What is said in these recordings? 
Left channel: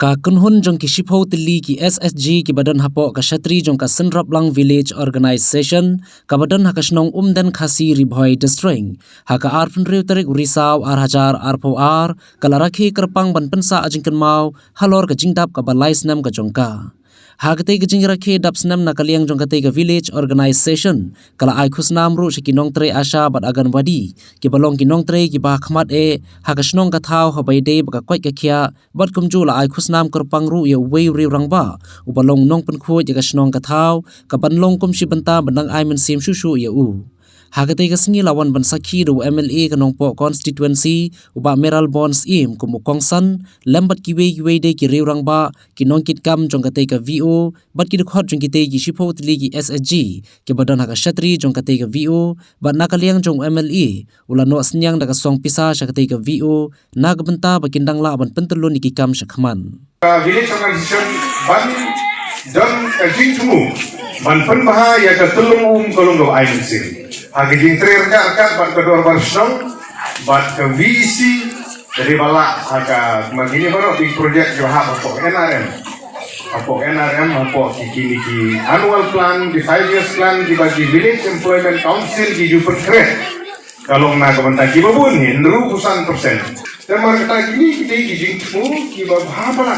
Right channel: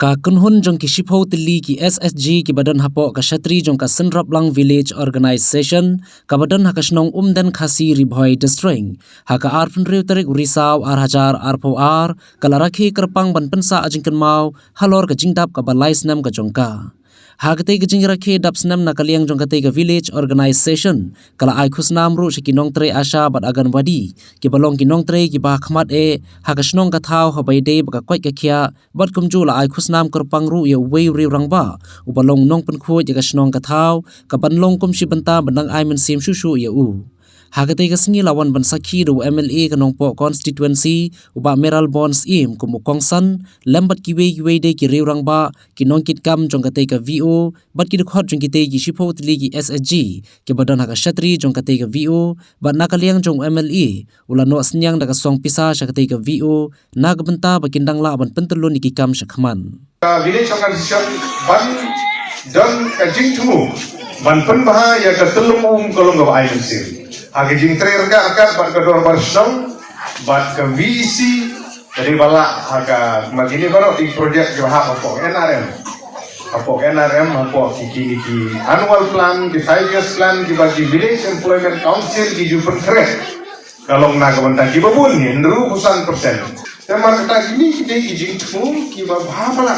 Ka kunhun jong ki shipho tili ki SSG ki badan hapo ka shatri jong ka Senraplang Village Organization ka badan hakasnong umdan khasi ribhoi district haka arpun riu tarik Risau Arhajar Arpoar kalaraki kerpang ban pensa ajingkan mau halor ka jingdap ka balai snam ka jongka hagate ka jingrakhe dap snam na kaliang jong kate ka Village Organization kala ai khusnam ru shikinong tre asha bat agan wadi ki balong kinong tre ki ba khmat e hakasnong ka thau habai de ba kwai ka khia bat kumju la ai khusnam kerpang ru ye wei ri rangba ubalong nong pen khu ye ka snong ka thau ka banlong kum shi banta bandang ai men sim shu shu ye u hagate ka sngi lawan ban sakhi ru MLA ka nongpo constituency uba meral bonds im kumu kongsan lambat ki wei de ki ri rangba ki nong kit kam jong kate ka VO bat ki khot jong kite ki shipho tli ki SSG ki badan haka shatri jong kate ka VO bat nakaliang jong MLA ulano asnyang da ka song pisa shakate ka VO nagbenta bakindang la ban pentulun ki kam shakhman village organization ban dan jingtu ban pen baha ya ka tulung kolong go agency agi jing tre ka ban ka dor barsong ban ka VC dari bala aga magini baro di project jo ha ko NRM apa ki annual plan di 5 years plan di bagi village employment council di jupen kret kalau na ko ta ki babun ni ndru kusan persen teman kita gini kita jingtu ki ba bala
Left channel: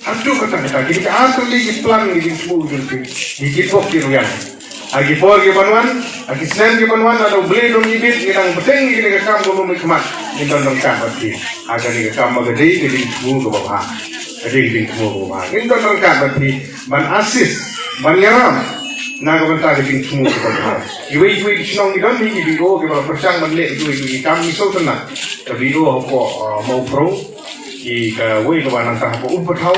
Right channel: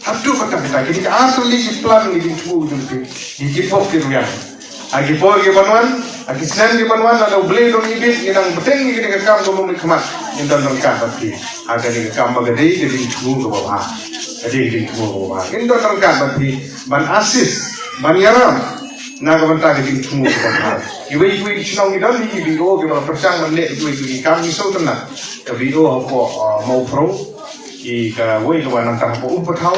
Abdu kata kita asli di plan di jingtu di jipok di ruang agi por ke banwan agi sen ke banwan ada beli dong ibit inang beteng ni ke kam dong mikmat intan dong kan tapi ada ni ke kam magade di jingtu ke bawah ada di jingtu ke bawah intan dong kan tapi ban asis ban yaram na ko banta ke jingtu ke bawah iwi sinong ni dong ni video ke persang le iwi kam ni so tenang video ko mau pro di ka wei ko nang tang ko upatau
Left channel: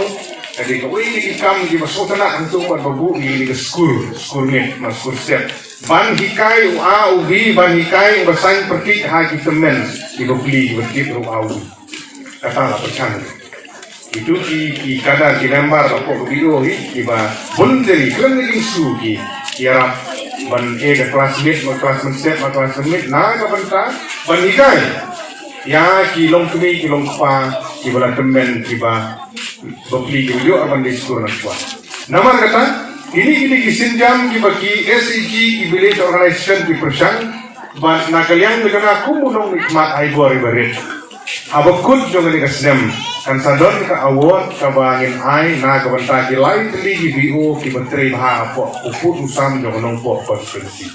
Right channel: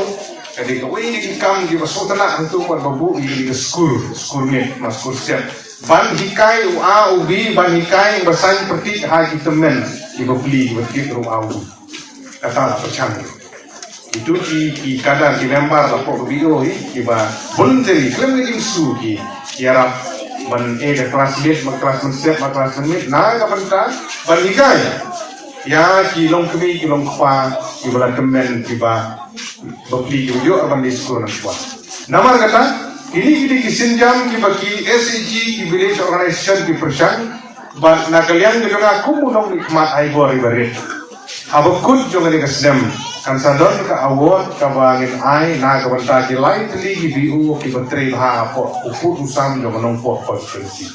jadi ko wei di kam di sotana itu babu di school net mas school set ban hikai a ubi ban hikai basan perti ha kitemen di beli di ru au kata la percang itu di kada di lembar ko video di ba bunderi kremli su ki ya ban ke kelas mit na ka banta ban hikai ya kilong kini kilong pa ibarat temen tiba bokli yo akan diskur kuat nama kata ini kisinjam ki bagi SEG ki village organization di persang ban nakalian dengan aku munong nikmat ai bor berit abakut juga ni kasnem kan sadon ka award ka bangin ai na ka banta di lain tli BO ki betri ha po uput usam dengan nong po konstitusi